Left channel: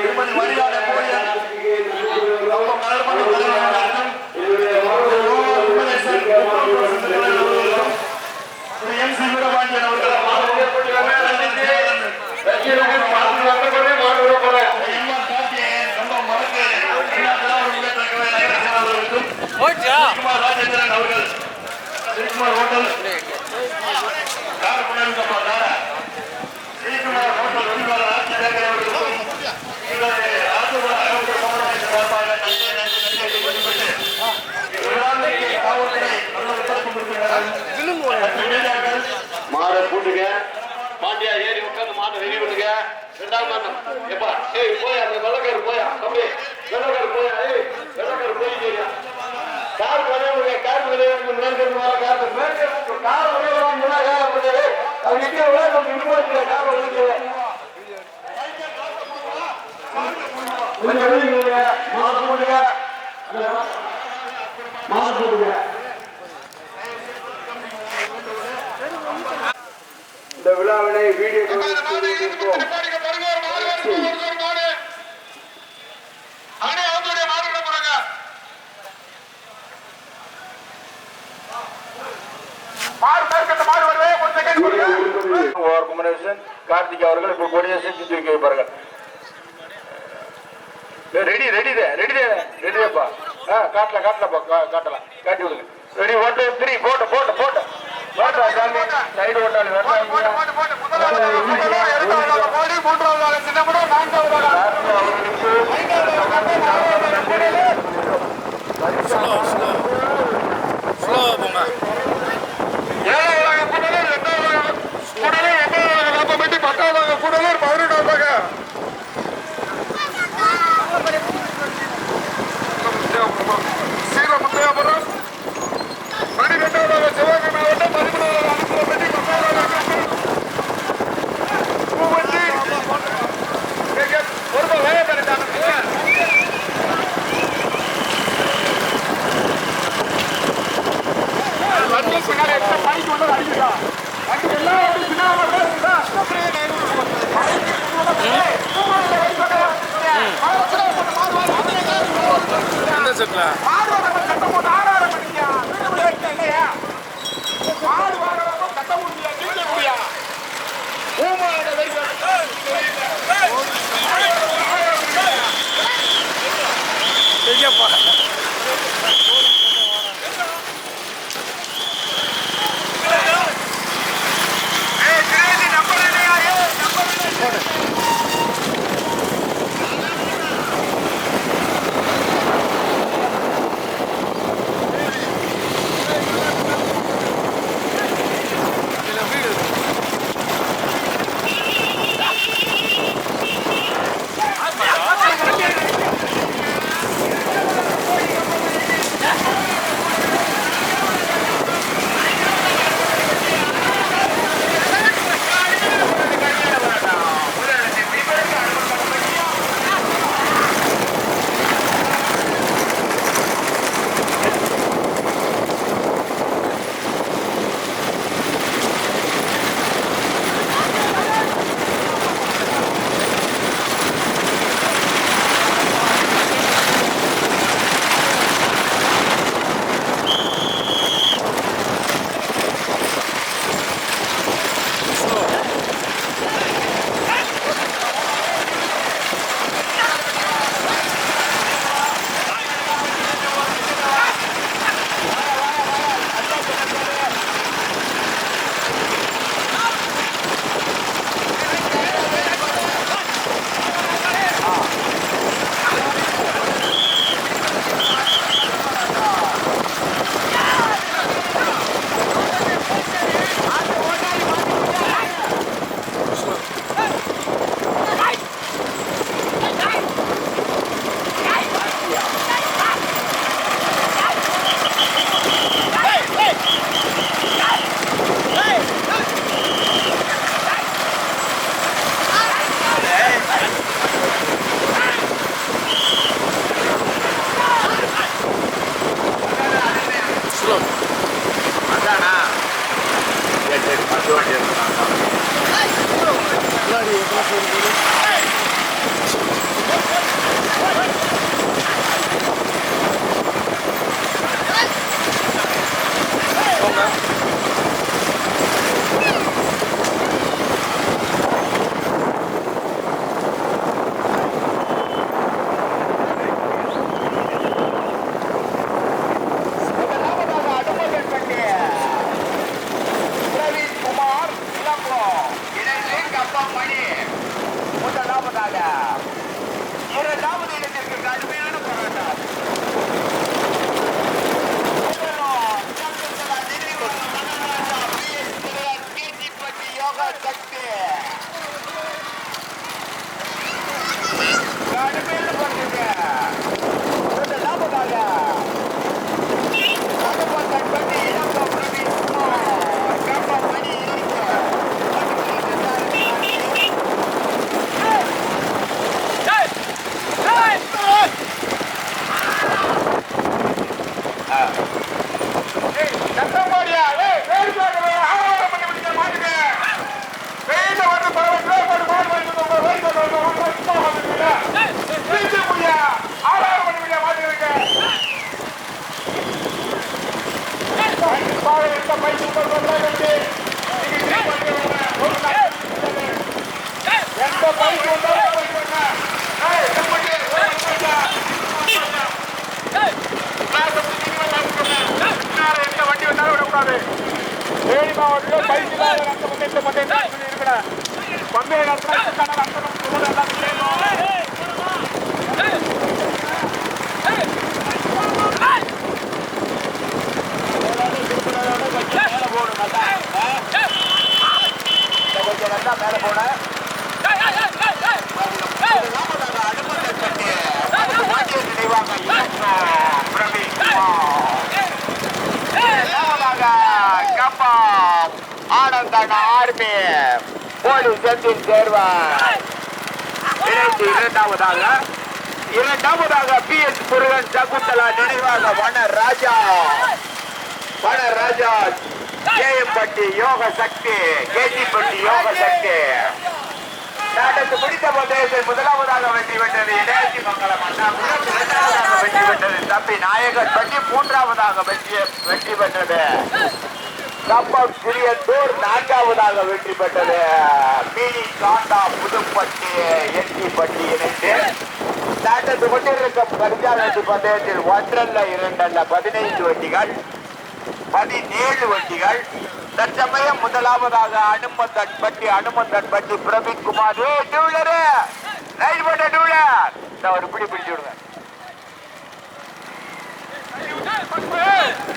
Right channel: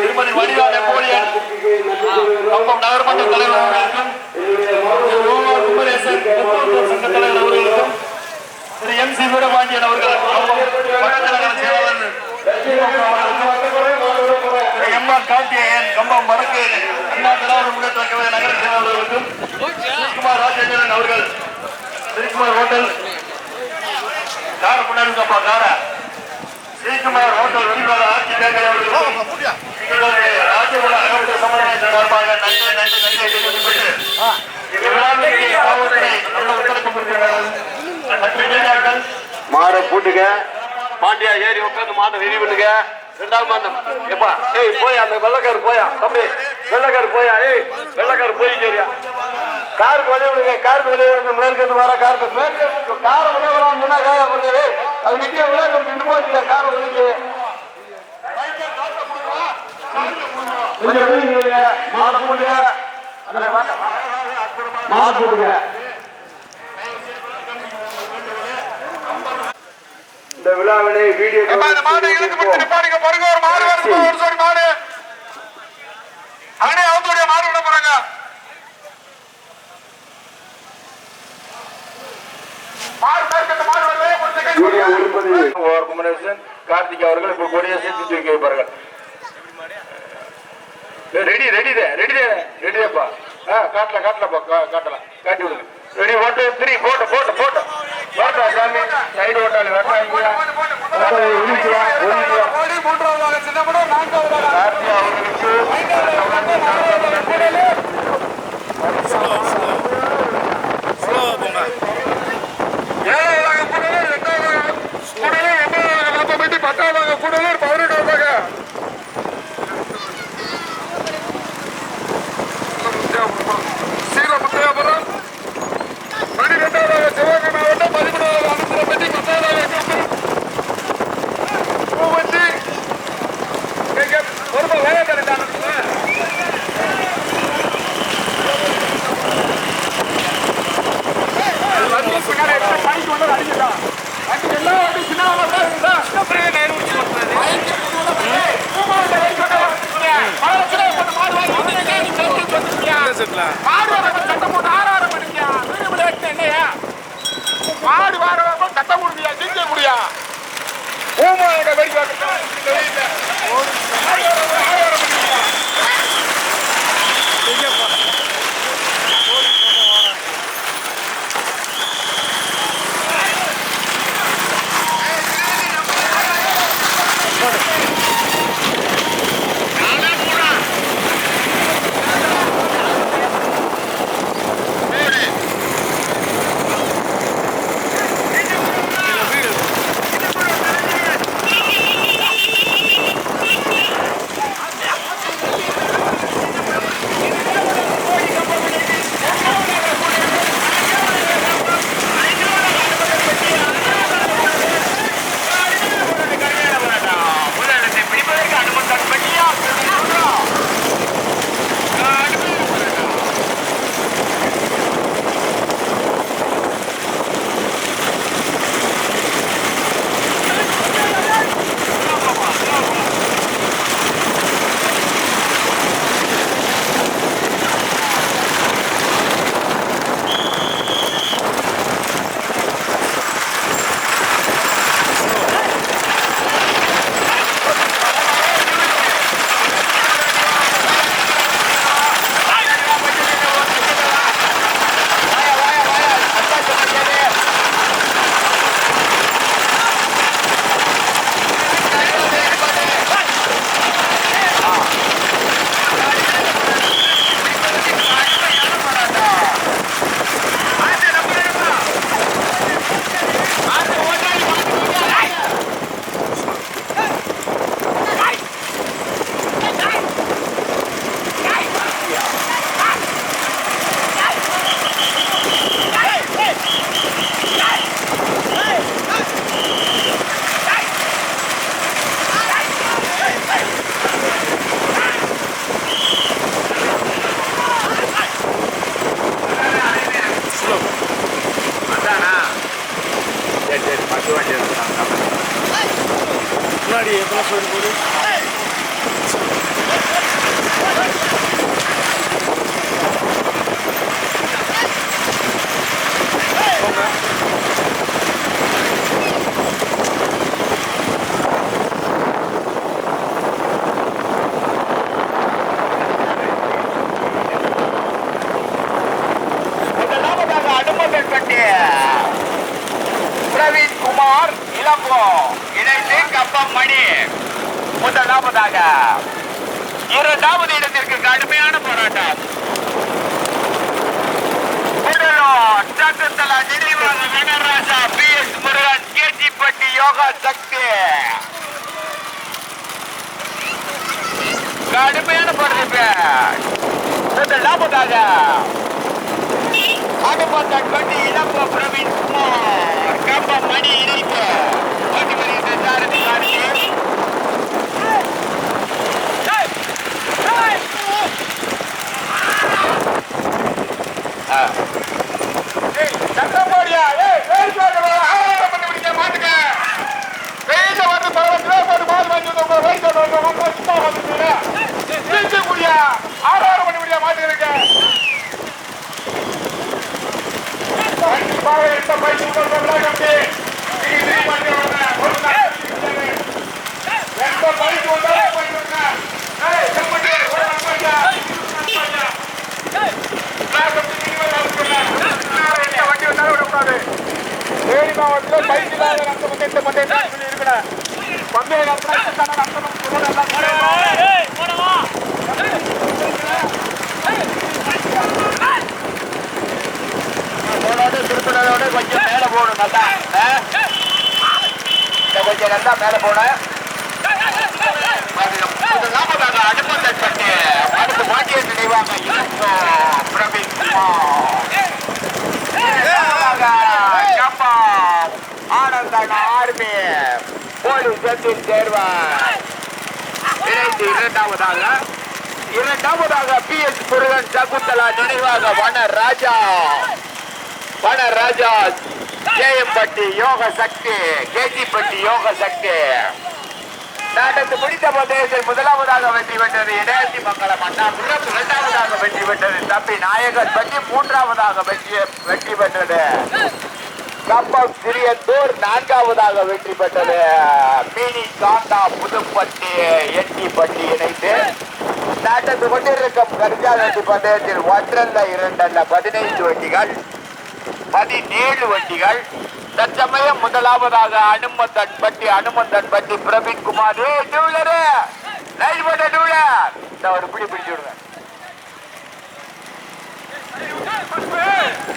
திருமதி வடிவா நெப்போலியன் கம்பம் நகர்மன்ற தலைவர் அவர்களுக்கும் குமரேசன் தலைவர் அவர்களுக்கும் திரு எம் சி வீரபாண்டியன் அவர்கள் எம்ஆர் கார்த்திகேயன் கம்பம் வடக்கு நகர செயலாளர்களுக்கும் ஸ்ரீகுமார் ராஜேந்திரன் அவர்கள் ஸ்ரீகுமார் ஹோட்டல் கார் புனருக்கப்பா கார ஸ்ரீகுமார் ஹோட்டல் வெளிவார ஆட்சி பேக்கரை அவர்களுக்கும் ராஜகுல அகமது சமுதாய சார்பாக நன்றி தெரிவிக்கப்பட்டு விழாவிற்கு காவல்துறை நல்ல ஒத்துழைப்பு கொடுக்கிறார்கள் மற்றும் மீடியாக்கள் மாட பூட்டுங்க பாண்டியா ஏறி உட்காந்து மாட்டை ரெடி பண்ணுங்க ரெண்டாவது மாதம் எப்பா ஏய் போயா அந்த வெள்ளக்காரு போயா தம்பி வெள்ளக்காரு போயா ஏய் வெள்ளக்காரு போய் சரியா கார் கொண்டு கார் மேற்கொண்டு வர கார் மேற்கொண்டு கார் வரான் முன்னா கார் பண்ணுறது அது நிச்சயம் விளையாட்டு ரெண்டு போச்சு கார் வந்து மாட போடுங்க மாட போடுங்க இந்த விழாவினை வீடியோ கார்த்திக் அவர்கள் இப்போ கொடியை சேர்த்து தூக்கி வைப்பார்கள். ரெடி ரெடிப்பா காட்டலாம்ப்பா காட்டலாம் காட்டி விடுங்க. Ready 1 2 3 photo photo photo photo சாமி சைடு ஓட்டாளி பத்தாவது கூடலூர் 18வது சீரமுத்தையாபுரம் 12வது சிவகங்கை மாவட்டம் 13வது அனுப்புறப்பட்டி 10வது பூவஞ்சி ஒரு வயதான பின்னாடி பைக் வந்து அடிக்கிறா அடி எல்லா வண்டி பின்னாடி மாடு வாரம் கட்ட முடியா ஜெயிக்க முடியா பத்து வண்டி எடுத்துட்டாங்க முன்னாடி எத்தனை பேர் போகுது முதலாவதாக அடுமகல்பட்டி பிரவீன் குமார் இளங்கோ இணைந்து கப்பம் மணி முதலாவதாக. இரண்டாவது இடத்திற்கு கடுமையான போராட்டம். சட்டத்தலா நினைவாக நடராஜா PS முருகன் கேஜிப்பட்டி யோகா சக்தி கடுமையான போராட்டம். முதலாவதாக அடுமகல்பட்டி இளங்கோ பிரவீன் குமார் கப்பம் மணி இணைப்பு வண்டி வருகின்ற சாரதி காட்சி வண்டி வந்தாலும் விடக்கூடாது. தேனி மாவட்டத்தில் பைக்கில் அந்த பந்தயத்தை பந்தயம் சொல்லி இருக்கிறேன். பந்தய திருப்பினோட கொஞ்சம் மேலே போகணும். நல்லா கொஞ்சம் நல்லா மேலே போனேன். அடுப்பட்டி அடுத்து வாக்கிய நினைவாக பிரவீன் ஆனந்தன் ஆர்மி போலீஸ் செந்தில் சேர்வார் இணைந்து இரண்டாவதாக PS முருகன் சகுந்தலா நினைவாக வனராஜா கேஎம்பட்டி யோக சக்தி கேஜிப்பட்டி யோக சக்தி நடந்து முடித்த பந்தயத்தில் முதலாவதாக வெற்றி பெற்றது இடையாட்சி மங்கலம் அண்ணாபுரம். இரண்டாவதாக வெற்றி பெற்றது தம்பி நாயகன் பட்டி. மூன்றாவதாக வெற்றி பெற்றது கப்பம் சிறியத்தூர். நான்காவதாக வெற்றி பெற்றது மீனி காந்தா புதுப்பட்டி எட்டிப்பட்டி இணைந்து நடந்து கொண்டிருக்கும் கடிஜாலட்டி பந்தயத்தில் ஒன்றல்ல இரண்டல்ல 15 வண்டிகள் 17 வண்டிகள். தற்சமயம் முதலாவதாக அனுமந்தன் பட்டி பிரவீன் குமார் டூலரு லைட் போட்ட டூலர் ஒரு பிடிச்சு விடுங்க.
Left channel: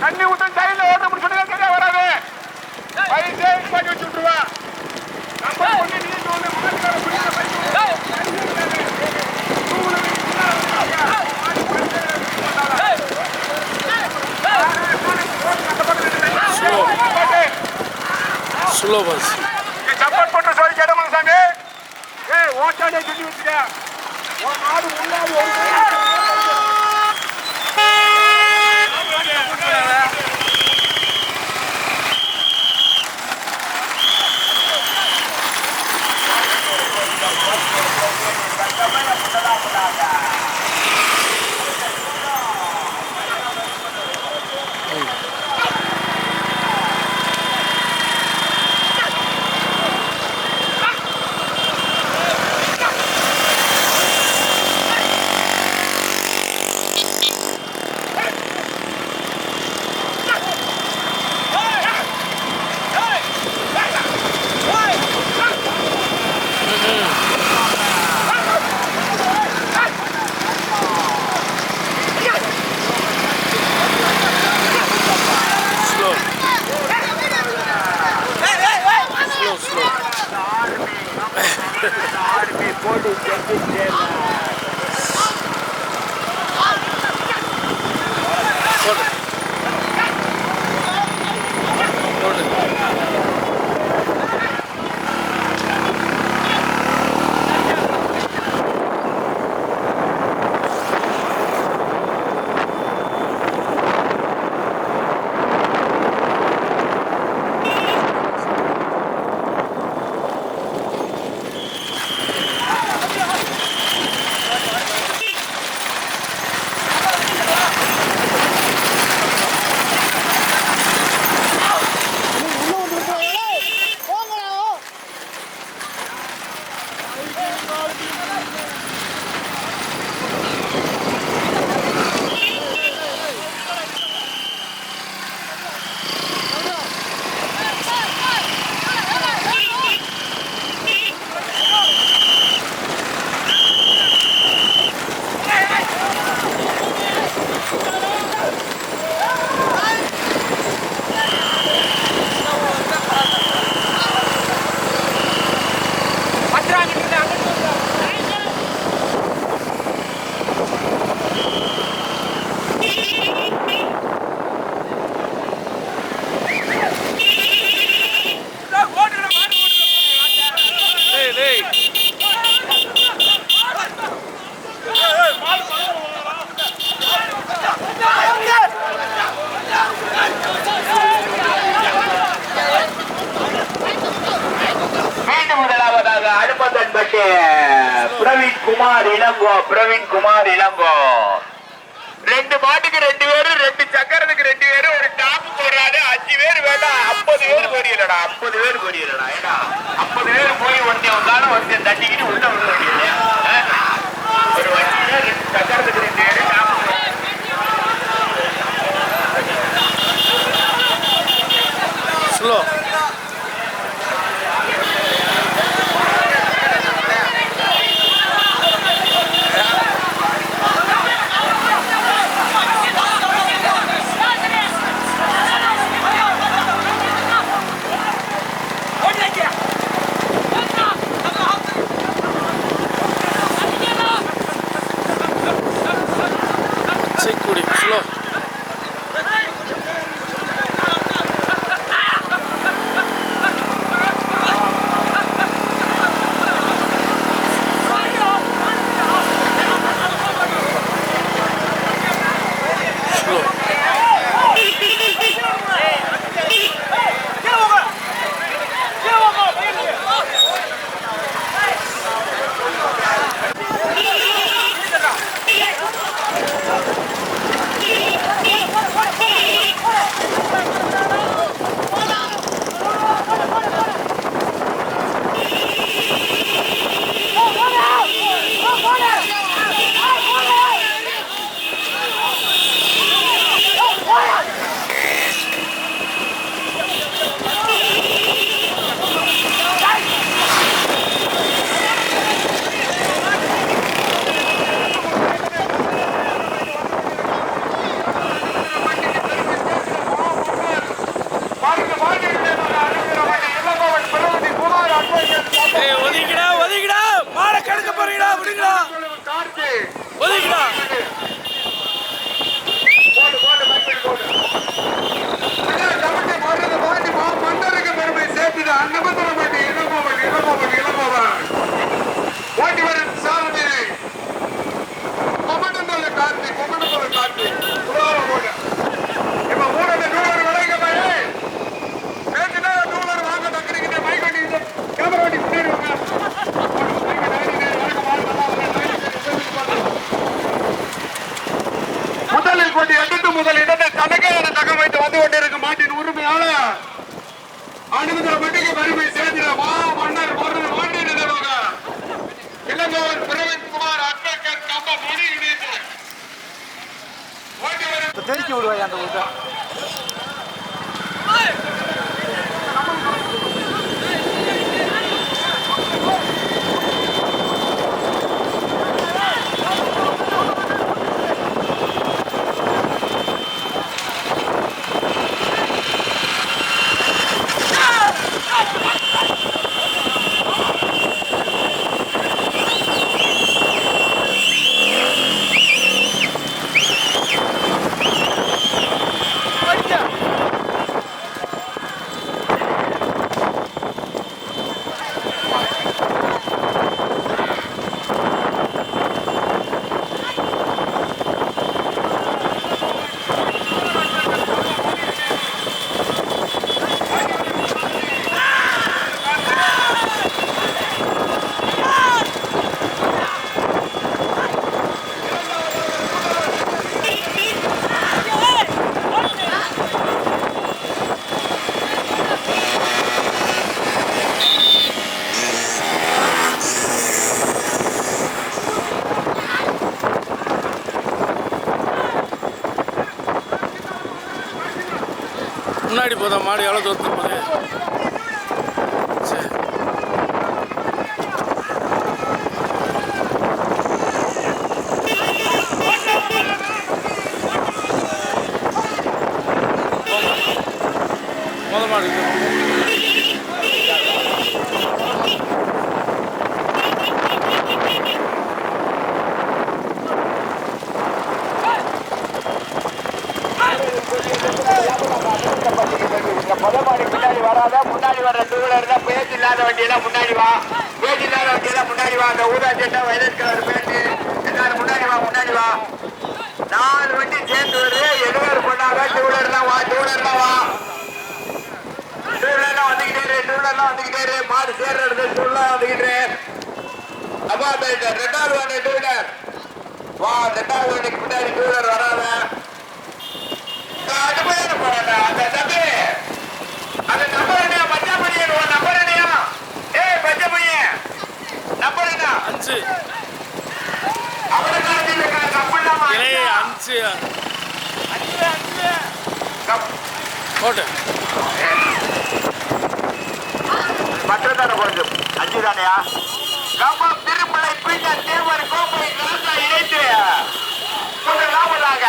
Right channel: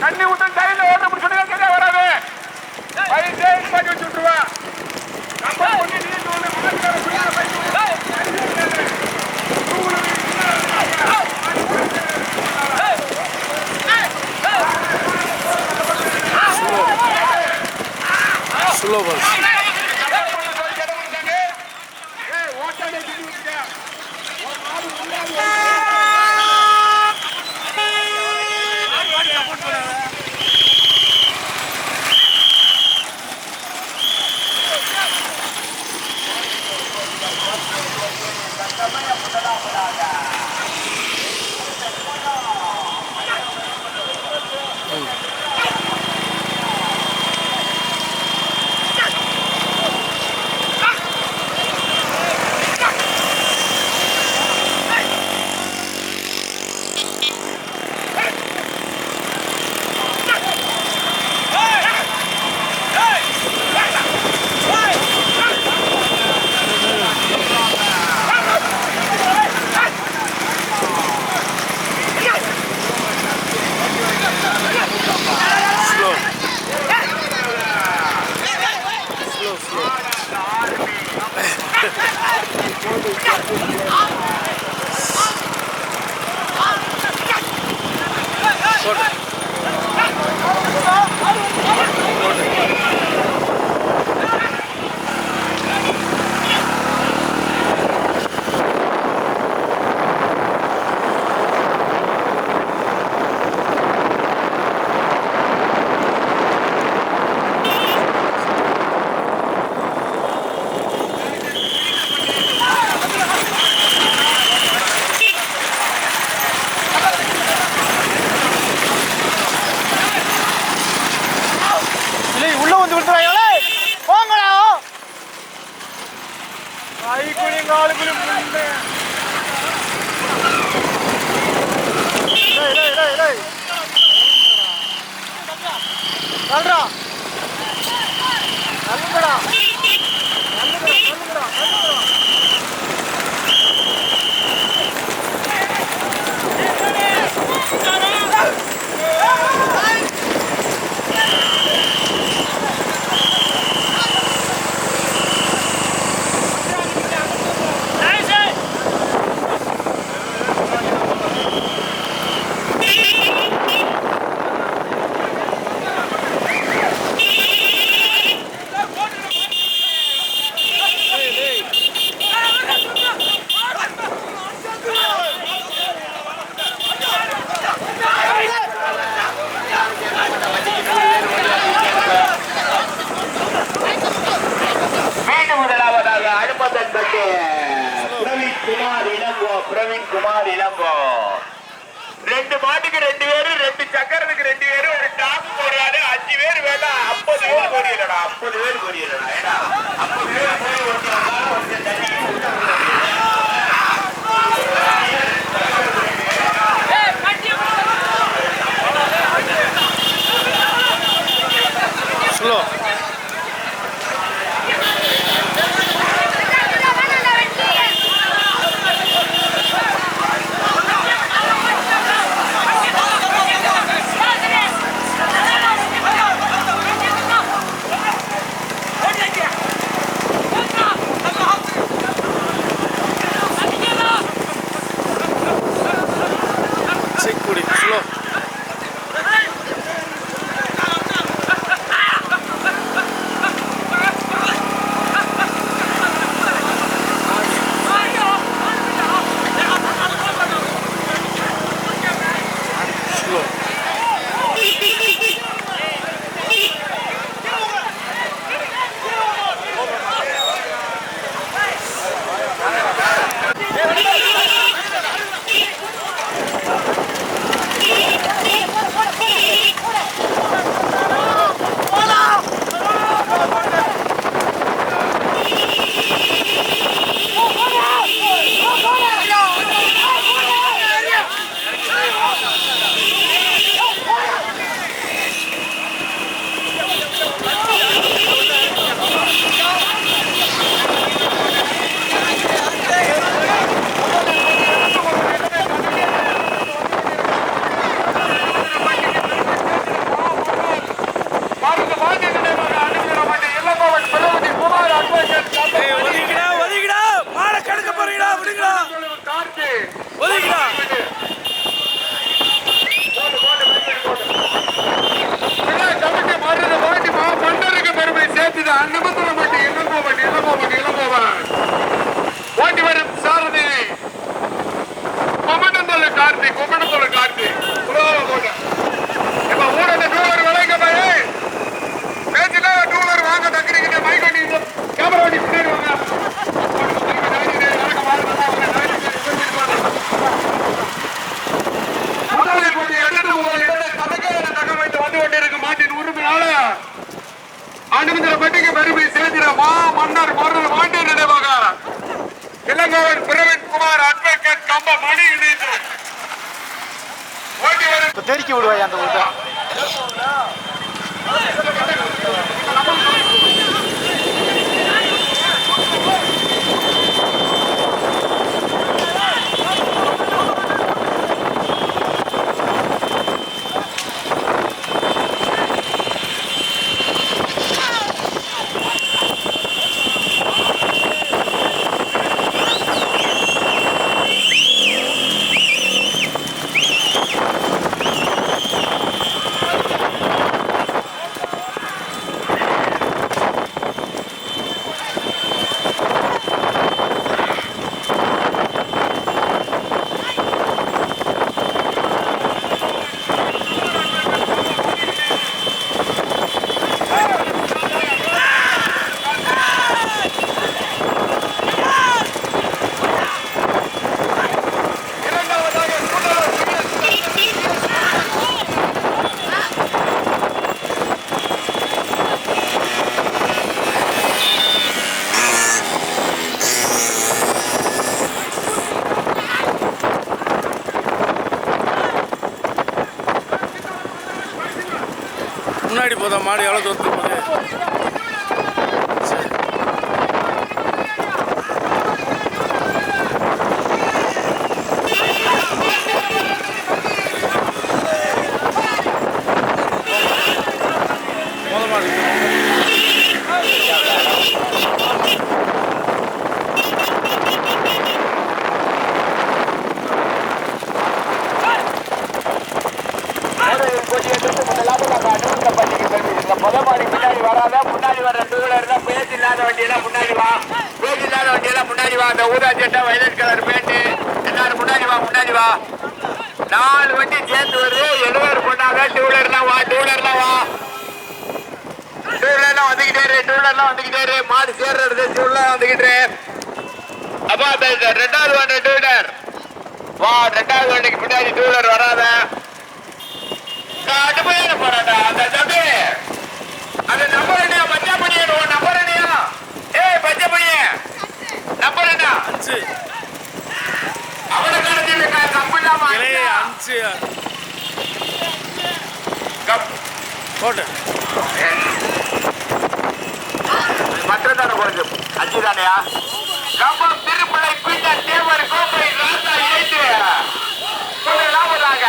தண்ணி ஊத்த கையில ஓட்ட முடிச்சுட்டு சரியா வராது. பைக்கே பண்ணி வச்சு விட்டுருவா. ஸ்லோ பஸ் சப்போர்ட் பண்ண சொல்லி கேட்டவங்க சாங்க ஓட்டாடே சொல்லி வச்சுட்டா ஒரு நாடு முன்னாடி பிரவீன் குமார் இளங்கோ 2 மாட்டுக்கு 2 பேரு, 2 சக்கரத்துக்கு 2 பேரு, ஒரு டாப் போடுறாரு. 5 பேர் வேண்டாம், 50 பேர் போறீங்களா? 50 பேர் போறீங்களா? ஏடா 50 பேர் போய் ஒருத்தன் உட்கார ஒருத்தன் தட்டிக்கிட்டு உள்ள ஸ்லோ செக்குடி ஸ்லோ ஸ்லோ ஒதுக்கிடா ஒதுக்கிடா மாலை கணக்க போறீங்களா விடுங்களா ஒதுக்கிடா மன்னருக்கு பெருமை சேர்த்துது அன்னபத்திர மாட்டி இளங்கோவன் ஓட்டி வரும் சாரதி கொமண்டந்தோல கார்த்திக் இப்ப ஊரட டூலர் விளைங்க பாரு பேச்சுக்கா டூலர் வாங்க தக்கிறீங்க மைக் வண்டி கேமரா வண்டி பின்னாடி வாங்க முதலில் போட்டி 8 முதல் 2 தனக்கான தகம் வைத்து வந்து கொண்டிருக்கும் மாட்டின் உரிமையாளர் அனுமதிப்பட்டிக்கு பெருமை சேர்த்திட மன்னர் மருது வாண்டி நினைவாக இளங்கோவன் பிரவீன் குமார் அட்வொகேட் கம்ப மணி இணைப்பு ஓட்டி வரும் தெரிக்கி விடுவாய் அந்த ஊட்ட முன்னாடி போதா மாடு எவ்வளோ தூரத்துக்கு போகுது சரி மொதல் மாடு முதமாடி பின்னாடி வராத முன்னாடி வர்ற டூவீலர் தான் பேஜ் இல்லாத வண்டியெல்லாம் முன்னாடி வா பேஜ் இல்லாத வண்டியெல்லாம் முன்னாடி வா அந்த ஊதா சட்டை வயலட் கலர் பேண்ட் எல்லாரும் முன்னாடி வா 4 வண்டி சேர்ந்து வருது 7 பேர் பண்ணாங்க டூவீலர்லாம் வா டூவீலர்லாம் வந்துகிட்டே மாடு சேர்றது டூவீலர்லாம் வந்துகிட்டே அப்பா ரெண்டாவது வண்டி டூ வீலர் வா. ரெண்டாவது வண்டிக்கு பின்னாடி டூ வீலர் வராத. கடுமையான போராட்டம். அந்த தம்பி அந்த நம்பர் என்ன? பச்சை பணியா நம்பர் என்னையா? ஏய் பச்சை பணிய நம்பர் என்ன? 5 அவனை கம்பிடாம 5 போட்டு மற்றதான போறது 5 தானையா? கம்பம் திருமலை பின்னர் தேவர் கோப்பை ராசா இணைத்து முதலாவதாக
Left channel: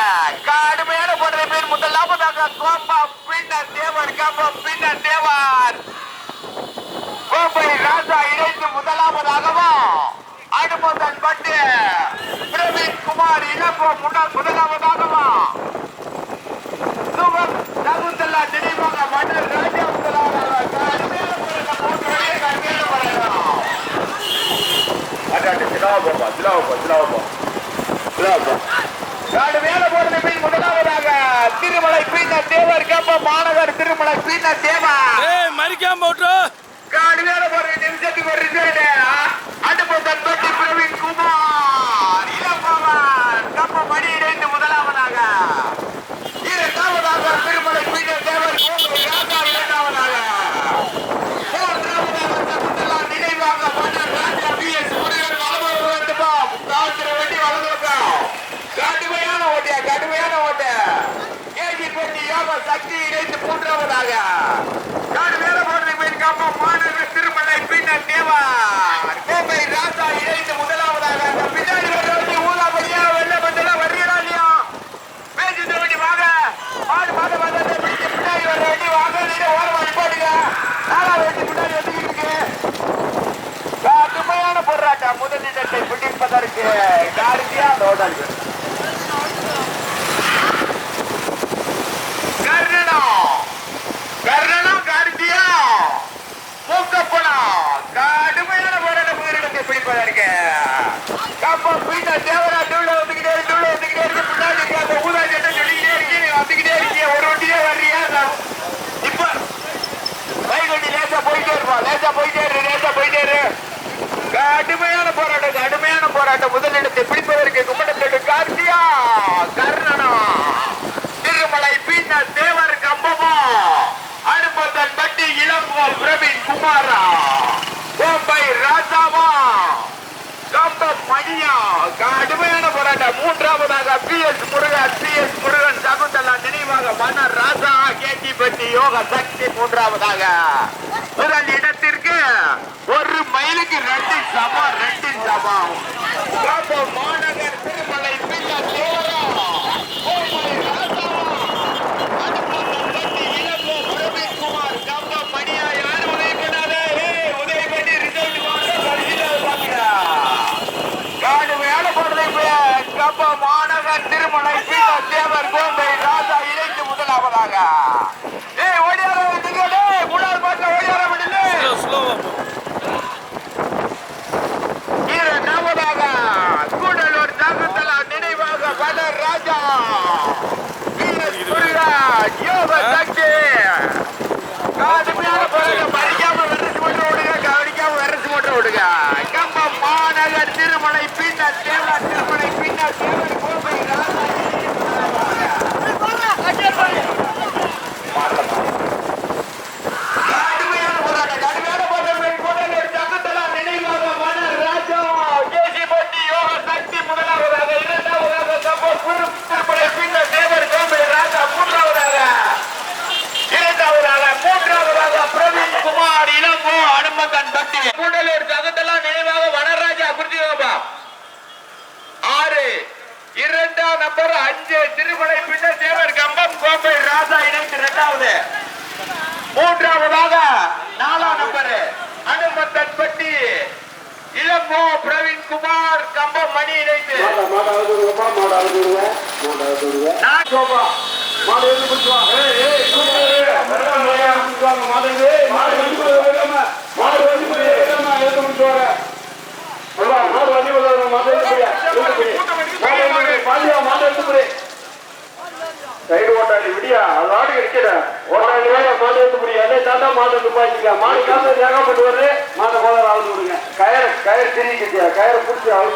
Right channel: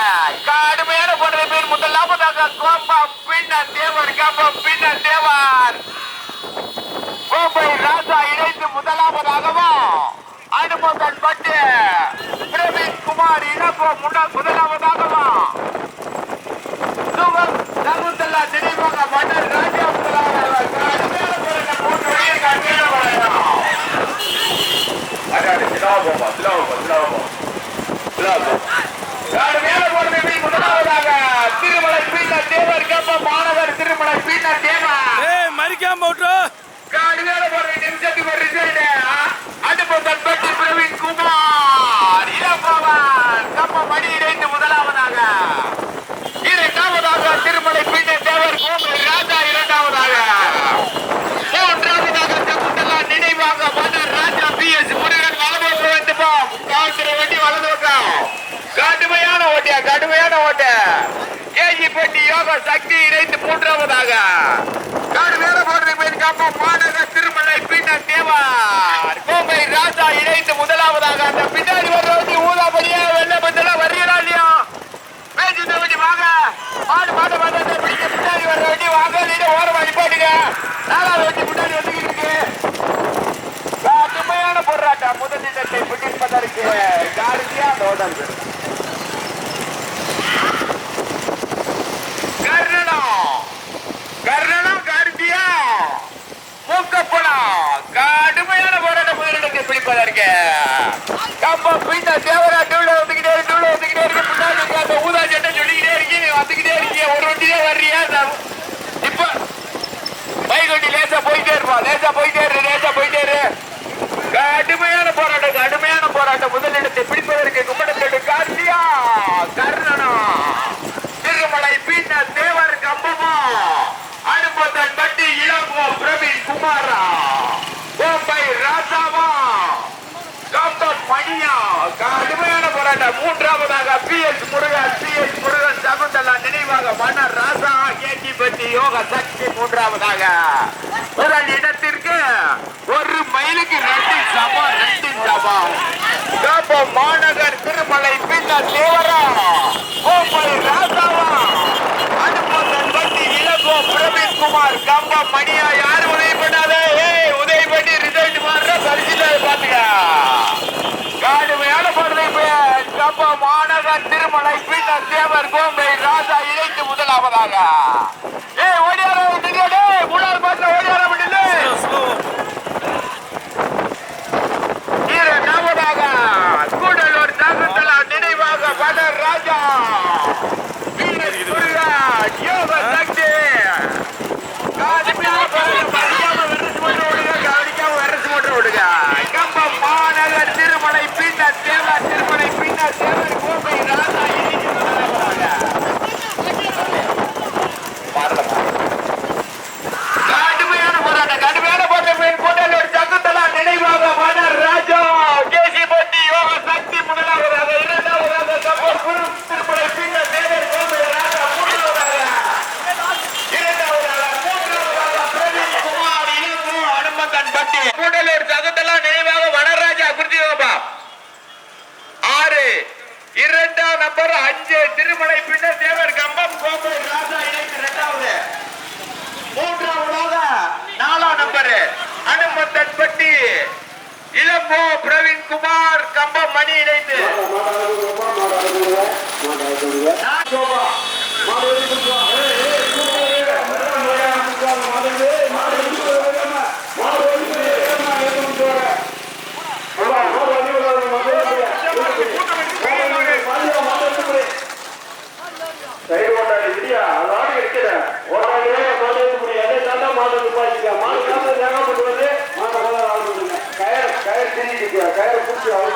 கடுமையான போடுற பேர். முதலாவதாக கோப்பம் பின்னர் தேவர் கம்பம் பின்னர் தேவர் கோப்பை ராசா இணைத்து முதலாவதாகவும் அனுமதன் பட்டு பிரவீன் குமார் இளங்கோ முன்னாள் முதலாவதாகவும் சுகம் சகுந்தலா நினைவாக மன்னர் ராஜா முதலாவதாக கடுமையான போராட்டம் மூன்று வழியை கடுமையான போராட்டம். முதலாவதாக திருமலை பீட்டர் தேவர் கம்பம் மாநகர் திருமலை பீட்டர் தேவர் ஏய் மரிக்காம போட்டு கடுமையான போராட்டம். நிமிஷத்துக்கு ஒரு ரிசல்ட். அனுபவம் பற்றி பிரவீன் குமார் இளம்பவன் கம்பம் மணி இணைந்து முதலாவதாக. இரண்டாவதாக திருமலை பீட்டர் தேவர் கோம்பை ராஜா இரண்டாவதாக. மூன்றாவதாக சகுந்தலா நினைவாக மன்னர் ராஜா PS முருகன் வலது வேண்டுமா காத்திர வண்டி வலது பக்கம். கடுமையான ஓட்டியா கடுமையான ஓட்ட. கேஜிப்பட்டி யோக சக்தி இணைந்து மூன்றாவதாக. கடுமையான போடுற பேர் கம்பம் மாநகர் திருமலை பின்னர் தேவர் கோம்பை ராஜா இணைந்து முதலாவதாக. அந்த பின்னாடி வர வண்டி ஊதாபடியா வெள்ள பந்தல வர்றீங்களா இல்லையா? பேச்சு வண்டி வாங்க மாடு மாடு மாடு பின்னாடி வர வண்டி வாங்க. நீங்க ஓரமா நிப்பாட்டுங்க. நாலாவது வண்டி முன்னாடி வந்துகிட்டு இருக்கு. கடுமையான போராட்டம். முதலிடத்தை பிடிப்பதற்கு கார்த்தியா அந்த ஓட்டாளி கர்ணனம் கார்த்தியா மூக்கப்படம். கடுமையான போராட்டம். முதலிடத்தை பிடிப்பதற்கு கம்பம் பின்னர் தேவரா டூல வந்துகிட்டே இருக்கு. பின்னாடி அந்த ஊதா சட்டை சொல்லிக்கிட்டே இருக்கு. நீங்க வந்துகிட்டே இருக்கீங்க. ஒரு வண்டியே வர்றியா? இப்ப பைக் வண்டி லேசா போயிட்டே இருப்போம். லேசா போயிட்டே இரு. கடுமையான போராட்டம். முதலிடத்தை பிடிப்பதற்கு கும்படத்தோடு கார்த்தியா கர்ணனம் திருமலை பின்னர் தேவர் கம்பமா அனுபவன் பட்டி இளங்கோ பிரவீன் குமாரா கோம்பை ராசாவா கம்பம் மணியா. கடுமையான போராட்டம். மூன்றாவதாக PS முருகன் சகுந்தலா நினைவாக மன்னர் ராசா கேஜிப்பட்டி யோக சக்தி மூன்றாவதாக. முதல் இடத்திற்கு 1 மைலுக்கு 2 சமம். கம்பம் மாநகர் திருமலை பின்னர் தேவரா கோம்பை ராசாவா அனுபவன் பட்டி இளங்கோ பிரவீன் குமார் கம்பம் மணியா. யாரு உதவி பண்ணாத? உதவி பண்ணி ரிசல்ட் மாறுற பரிசீலனை பாத்துக்க. கடுமையான போடுறது கம்பம் மாநகர் திருமலை பின்னர் தேவர் கோம்பை ராஜா இணைந்து முதலாவதாக. ஓடியார மூணாவது பாட்டில் ஓடியார முடியல. இரண்டாவதாக கூடலூர் சகுந்தலா நினைவாக மன்னர் ராஜா யோக சக்தி. கடுமையான போராட்டம். படிக்காம வெரசு மட்டும் விடுங்க. கம்பம் மாநகர் திருமலை பின்னர் தேவர் கோம்பை ராஜா இணைந்து முதலாவதாக. கடுமையான போராட்டம். கூடலூர் சகுந்தலா நினைவாக மன்னர் ராஜா கேஜிப்பட்டி யோக சக்தி முதலாவதாக. இரண்டாவதாக கம்பம் திருமலை பின்னர் தேவர் கோம்பை ராஜா மூன்றாவதாக. பிரவீன் குமார் இளங்கோ அனுமதன் பட்டி. கூடலூர் சகுந்தலா நினைவாக மன்னர் ராஜா குறிச்சி 6 2ஆம் நம்பர் 5 திருமலை பின்னர் தேவர் கம்பம் கோம்பை ராஜா இணைந்து இரண்டாவது. மூன்றாவதாக 4ஆம் நம்பர் அனுமதன் பட்டி இளங்கோ பிரவீன் குமார் கம்பம் மணி இணைந்து சைடு ஓட்டாளி விடியா அது ஆடு கிடைக்கிற ஓட்டாளி மாடு எடுத்து முடியும் என்னை தாண்டா மாடு துப்பாய்ச்சிக்க மாடு காசு தேங்காய் போட்டு வருது மாட்டை போல ஆகுது விடுங்க கயிறு திரிக்கிட்டியா கயிறை பிடிச்சி அவுத்து